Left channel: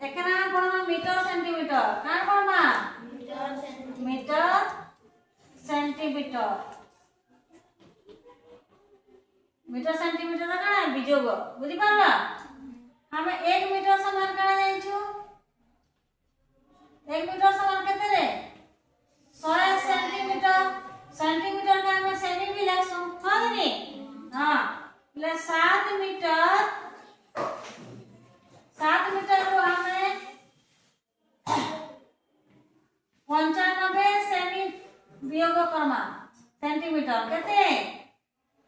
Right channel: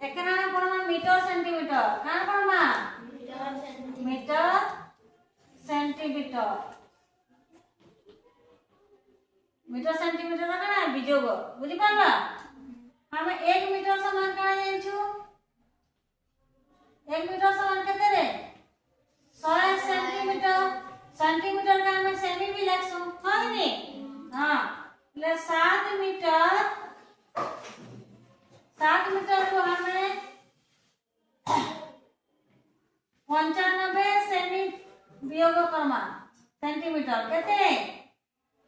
এখানে আমরা পড়বা মিটার সেন্টিমিটার কার পড়বা মিটার সেন্টিমিটার मीटर सेंटीमीटर का है बीजो को बुझी पाला हमें 1 मीटर समान करा जाई छु 1 मीटर समान केते रे 100 सेंटीमीटर सेंटीमीटर का हमें सेमी भी लागसु हां नी हां ले 7 मीटर को हमें 95 सेमी वियोग करमा सेंटीमीटर केते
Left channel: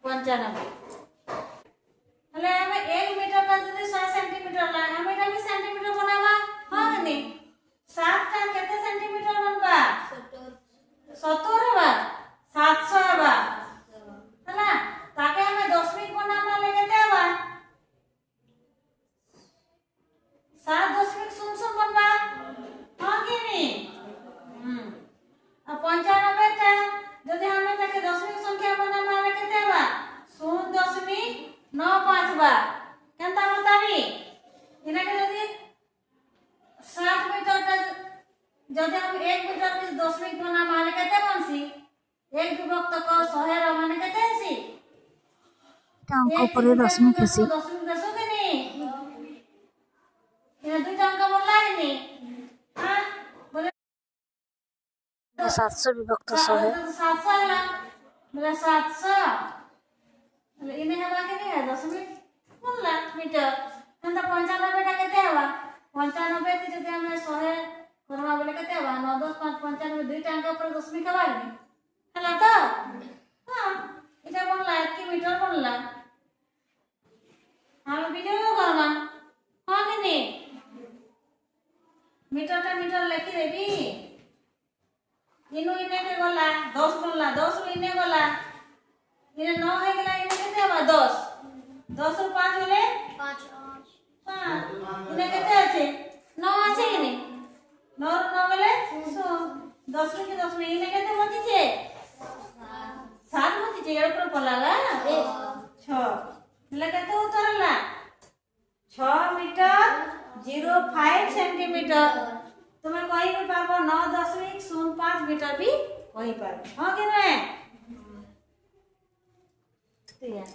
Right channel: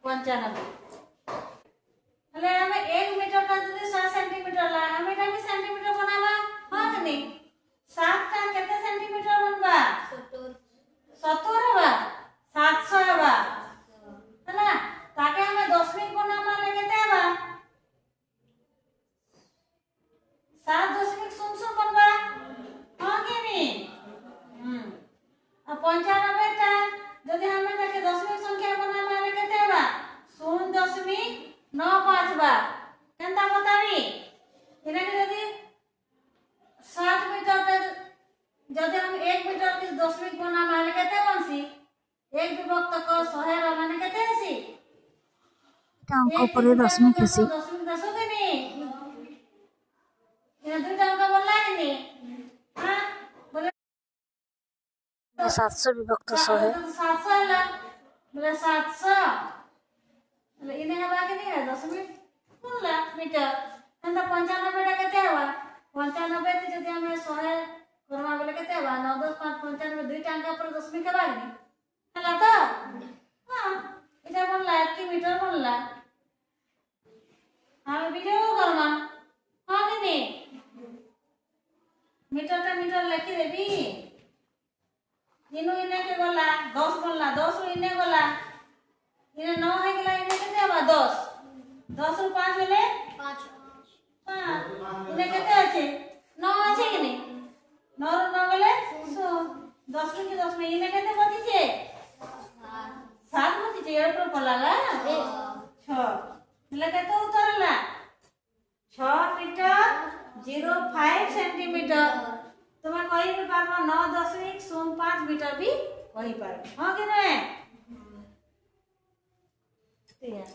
95 એટલે અમે 1 મીટર પર যদি 100 સેન્ટીમીટર લાય અમે এটা भी સેન્ટીમીટર બનાવા હા કે નહીં 7 टा केते सेंटीमीटर बनबा 70 हबा 700 हबा हैला ताके हमें दशमिक बनावा ले केते हबा 7.00 बनबा हां कि नहीं अब 95 टा যদি हमें ताके दशमिक संख्या बनावा ले केते हबा 0.95 बा केनता बताबी इना के यदि 7 मीटर पे जदि हम 1 मीटर के दशमिक बना माने केते बनसी 1 विभक्त क 100 र माने केते हसी अंक परे दशमिक हसी दशमिक दसो के नहीं इना दुईटा अंक बोलला के नहीं हां बोले 700 विभक्त 100 है 700 ला बोले 700 એટલે એને હવા કે નહીં દશમિક બોલલા મીટર એંતા 95 टा केते हवा 95 થી যদি અમે 100 કરવા બોલે केते हवा 9 10 5 95 দুই टा अंक पर दशमिक हवा के हला तो हां এটা बोलला 1 मीटर बोलला हम वीडियो करना हां कि नहीं मीटर टा मीटर लिखि देबी इनु इने के बोलला 10 बोलला 10 रो इने बोलला इने 9 है गेला इने केते हवा 10 10 रो 5 होले 5 इने केते আছে 9 আছে कि नहीं 9 रो 9 गेले 10 में 10 में इने केते बचिছে 7 बचिছে এর উপর পড়লালা 6 એટલે কেতে উত্তরলা 6 মিটার 05 সেন্টিমিটার তুমি কই পারবো 9.05 মিটার भी কই পারবো हां कि नहीं ठीक है।